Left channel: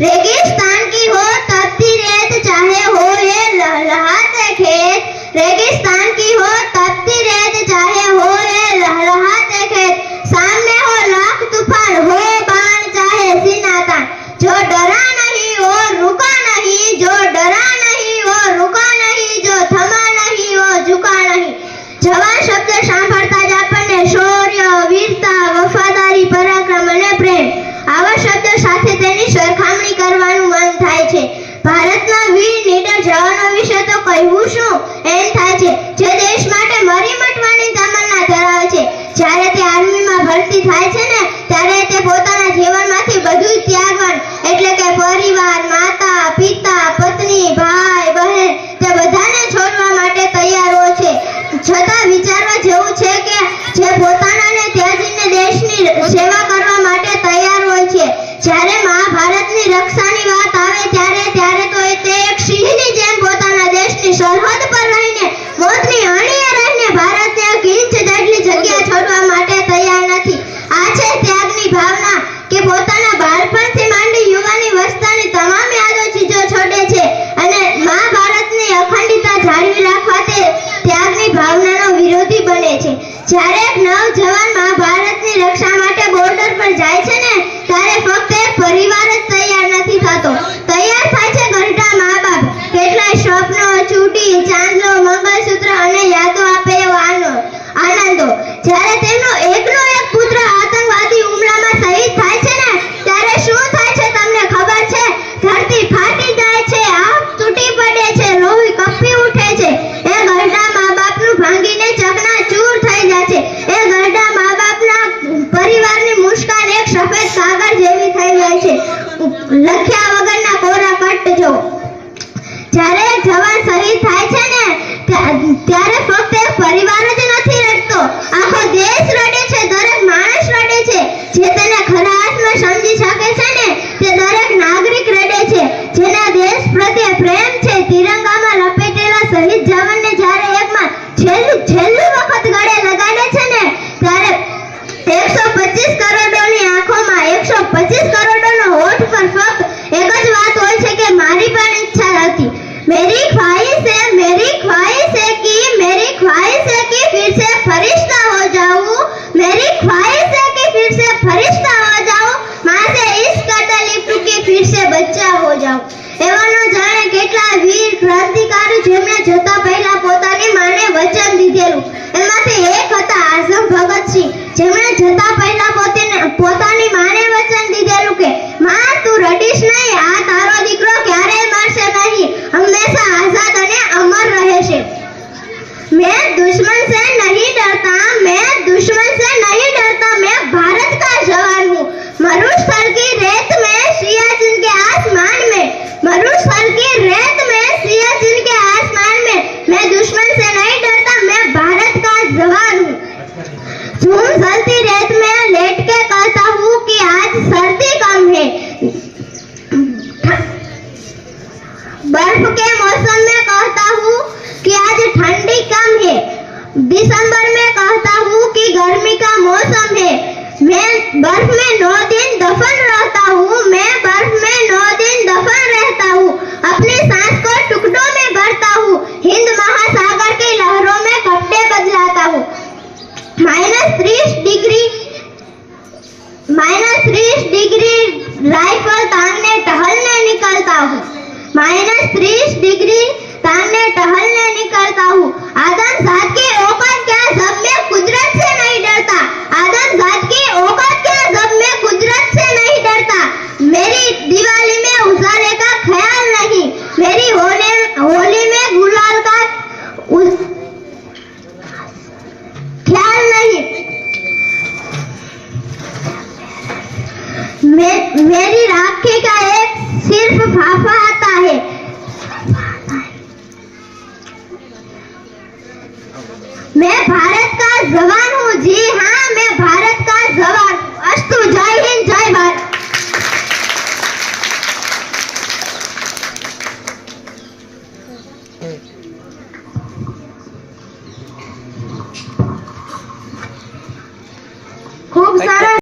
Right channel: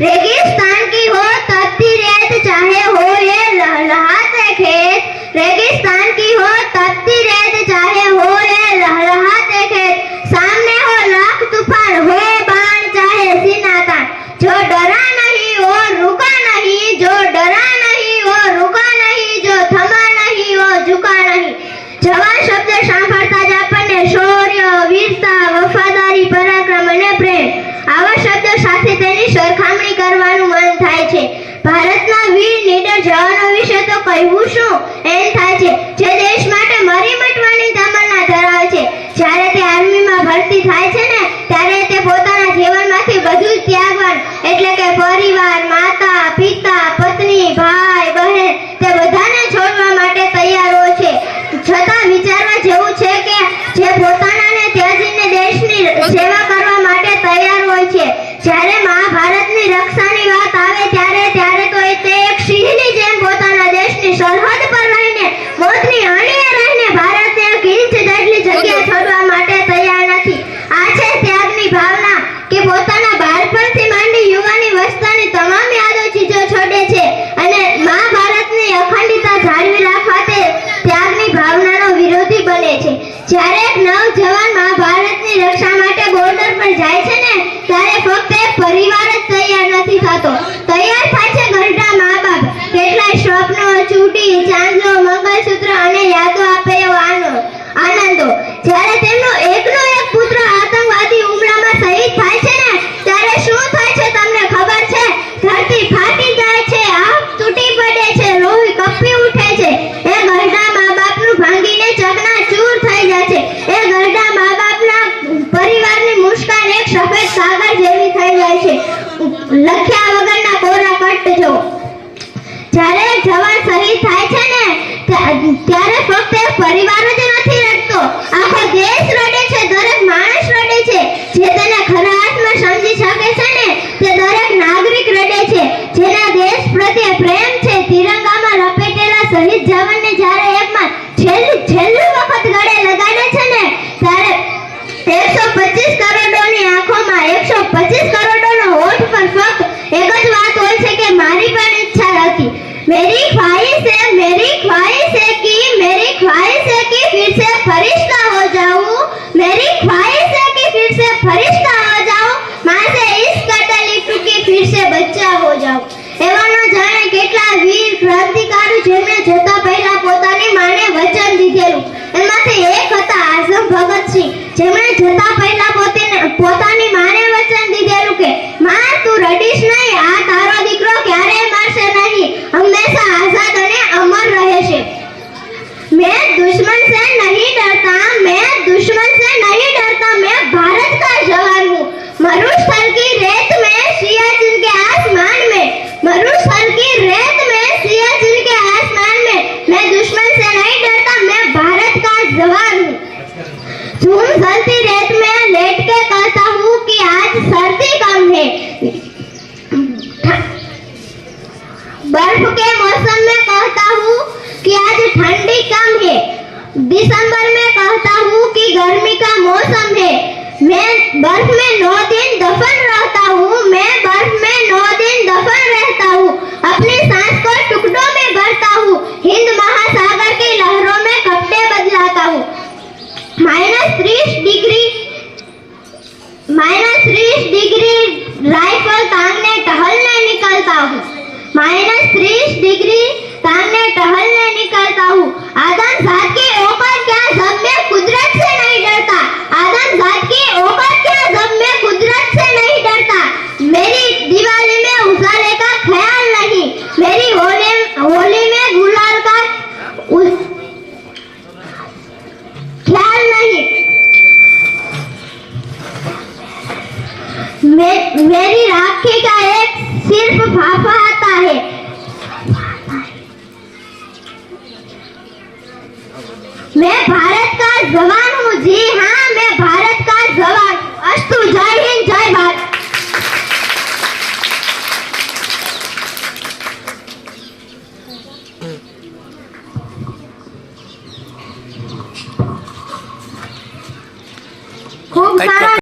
रेगिस्तान की हो तपती रेत चाहे हो ये लहलहाते खेत रेगिस्तान की हो तपती रेत કહેવું શું? એમ થાય છે. જે દેશ માટે મરી મટવાની તમન્ના ધરાવે છે, જ્યારે તે આર્મીમાં ભરતી થાય છે ને, ત્યારે તે પોતાના જીવનમાંથી બધું ત્યાગવાનું. એટલે કે પરિવાર, માતા, પિતા, પત્ની, ભાઈ, બહેન, તે બધાને છોડવા માટે તૈયાર હોય છે. છતાં વિચારવા જેવું છે કે જે પોતાનાને ત્યાજીને દેશની સેવા કરવા માટે તૈયાર હોય છે. જ્યારે જ્યારે એક નવજવાન મહાભારતની રક્ષા માટે બોર્ડર પર જાય છે ને ત્યારે ફક્ત જેવી થઈ જાય છે. લખ્યા વગરના કોરા કટ જો જ્યારે જવાન શહીદ થાય છે ને ત્યારે ફક્ત પરિવાર જ નથી રડતો. આખો દેશ રડે છે, દરેક માણસ રડે છે. જે તેને ખરા અર્થમાં સમજી શકે છે ને, તે દરેક નાગરિક રડે છે. જેના દેશ પ્રત્યે પ્રેમ છે, તિરંગામાં લપેટેલા શહીદ જવાનને જ્યારે એકમાં છેલ્લું છેલ્લું વખત ગળે લગાડે છે ને, ત્યારે એકસો પચીસ એકસો પચીસ કરોડોનો હોટ પર ફક્ત એક જ વાત હોય છે કે મારી પણ ઈચ્છા હતી. મેરી ખ્વાહિશ હે, મેરી ખ્વાહિશ હે કે, મેરી ખ્વાહિશ હે કે, ફિર સે ફરિશ્તા હો જાઉં. મેરી ખ્વાહિશ હે કે, ફિર સે ફરિશ્તા હો જાઉં. માં ઇસ તકલીફ કે ફિર સે બચ્ચા હો જાઉં. એવા ન જાણે કેટલા વીર ક્રાંતિકારી જેમણે જતા પહેલા પોતાની માને વચન દીધેલું. એમાંથી એક હતા આઝમ ભગતસિંહ, જેમણે જતા પહેલા પોતાની માને આ તારો દીકરો ક્યારેય મરશે નહીં હંમેશા આઝાદ અને અમર રહેશે मैं दुश्मन से नहीं डरता मैं दुश्मन से नहीं डरता मैं भारत का जवान हूँ मरुस्थल की रेत में सियाचिन के आसमान में मरुस्थल की रेत में सियाचिन के आसमान में मैं दुश्मन से नहीं डरता मैं भारत का जवान हूँ झूम जलती बर्फ़ के मौसम में कहता हूँ कि आज ठंडी कम है। दिसंबर में कहता हूँ कि गर्मी का मौसम है। मैं बर्फ़ में नौ दिन दफन रहता हूँ। मैं मे, मेरी राखी का एक सिर्फ फाफा आता है मैं भारत का जवान हूँ जी हाँ मैं भारत का जवान अस्तु जय हिंद जय भारत